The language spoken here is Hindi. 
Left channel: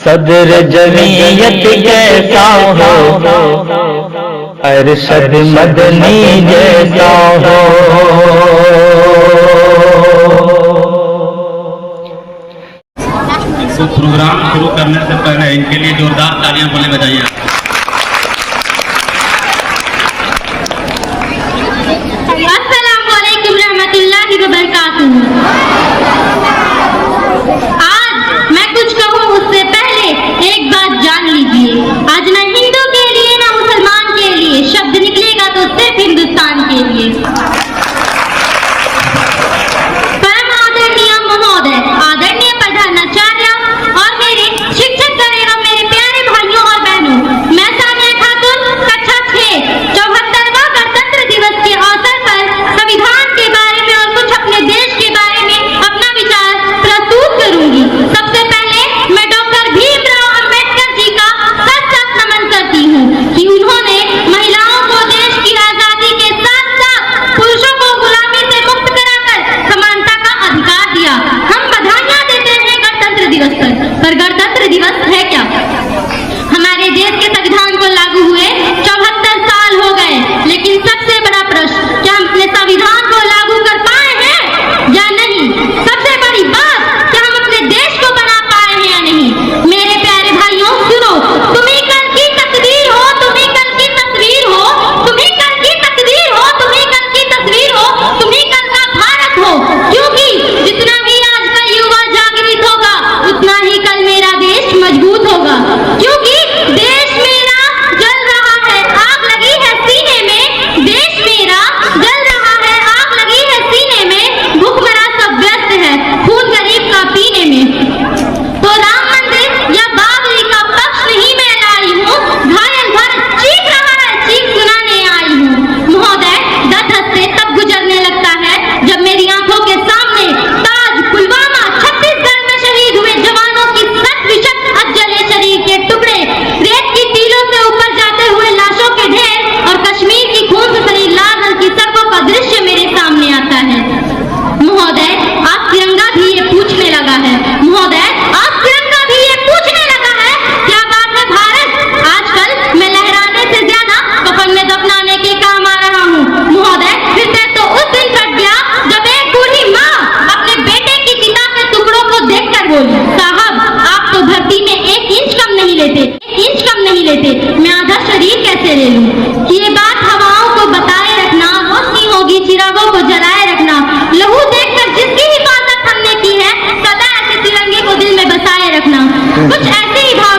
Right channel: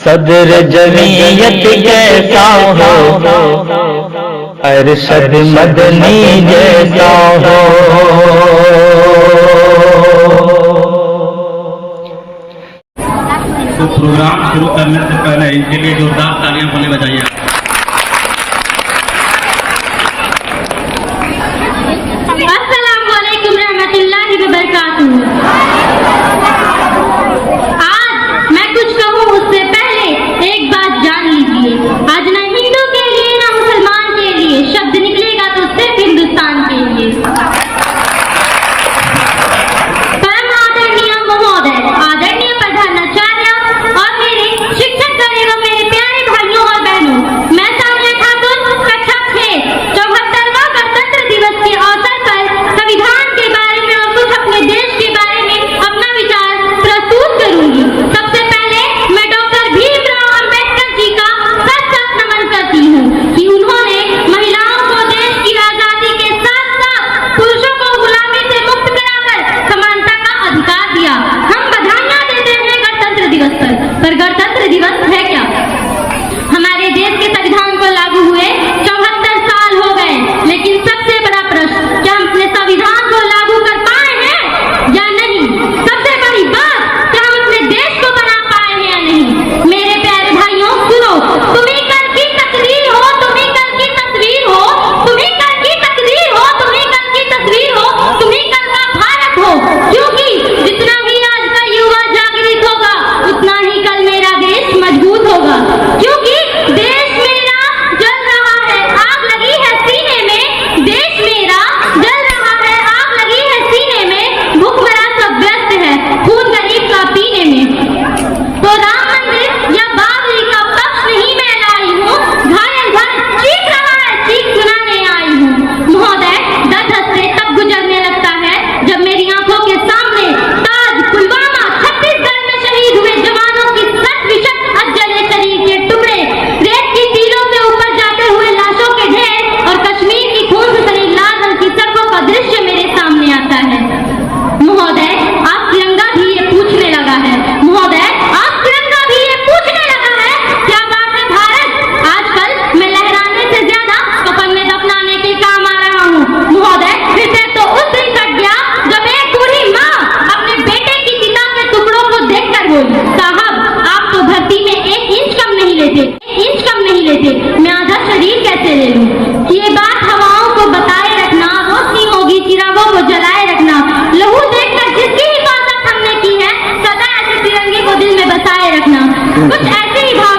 सदर जमीयत कैसा हो, अरशद मदनी जैसा हो। तो प्रोग्राम शुरू करने से पहले इनके लिए जोरदार तालियां बोले बजाइए। अस्सलाम वालेकुम रहमतुल्लाहि व बरकातुहू। आज मैं कुछ कहूँ उससे पहले एक बात जान लीजिए, आज न हिंदू के लिए न मुसलमान के लिए शब्द निकलेगा तो सिर्फ हिंदुस्तान के लिए। परम आदरणीय महोदय, आदरणीय प्रधानाचार्य और मेरे शिक्षक एवं मेरे प्यारे भाइयों और बहनों, मैं सानिया खातून कक्षा 6 74वां गणतंत्र दिवस के अवसर पर संविधान के बारे में और कुछ अपने देश के बारे में अपना विचार प्रस्तुत करूंगी। सबसे पहले मैं डॉक्टर भीमराव अंबेडकर जी का सच नमन करती हूँ कि उन्होंने महिलाओं को देश की आजादी के साथ साथ पुरुषों को गुलामी से मुक्त कराकर समानता का अधिकार दिया। हम बधाइयां देते हैं गणतंत्र दिवस पर गणतंत्र दिवस है क्या? हमारे देश के संविधान को लागू हुए 74 साल हो गए, लेकिन सबसे बड़ा प्रश्न, क्या हम अपने संविधान को लागू कर पाए हैं या नहीं? सबसे बड़ी बात, क्या हम अपने देश को बना पाए हैं या नहीं? मेरे प्यारे भाइयों सुनो, तुम्ही कल की तकदीर हो, तुम्ही कल की तस्वीर हो, तुम्ही कल की तकदीर हो, तुम्ही कल की तस्वीर हो, तुम्ही कल का भारत हो। क्योंकि जितना ही आज का युवा जागृत होगा, उतना ही कल मेरा देश मजबूत होगा। क्योंकि देश मेरा जल रहा है, आग लगी है सीने में, देश मेरा जल रहा है, आग लगी है सीने में, भूखमरा सब व्यस्त है खून गरीब का पीने में। तो राम मंदिर या बाबरी का पक्ष नहीं मैं लाई हूँ, घायल घर चीख रहा है, चीख सुनाने आई हूँ। महोदय, दर्द से तब गुजरने लगता है जब मेरी आंखों के सामने ताज, पुलवामा, छत्तीसगढ़ में शहीद हुए जवानों की सत जले शरीर के टुकड़े, रेत की टीलों से ऊपर जाते हुए लाशों के ढेर और कश्मीर की खून से सनी लाल रंग की सड़कों का दृश्य मेरे सामने आता है। महोदय, आज तिरंगा भी ये पूछने लगा है, महोदय आज तिरंगा भी ये पूछने लगा है, क्या बात है भारत? आजकल मैं लहराने से ज्यादा कफन में दफनाने के काम आ रहा हूँ। महोदय, हृदय तो उस दिन कट गया जब एक बूढ़ी माँ अपने बेटे की चिता के टुकड़ों को देखकर बोली, साहब आप तो धरती में 1 इंच कम नहीं लेते, 1 इंच कम नहीं लेते, मैं आधा शरीर कैसे ले लूं? ये बात हवाओं को बताए रखना, रोशनी होगी चिरागों को जलाए रखना, लहू देखकर जिसकी हिफाजत हमने की है, सदा ऐसे तिरंगे को दिल में बसाए रखना। कुछ ऐसी ही भाव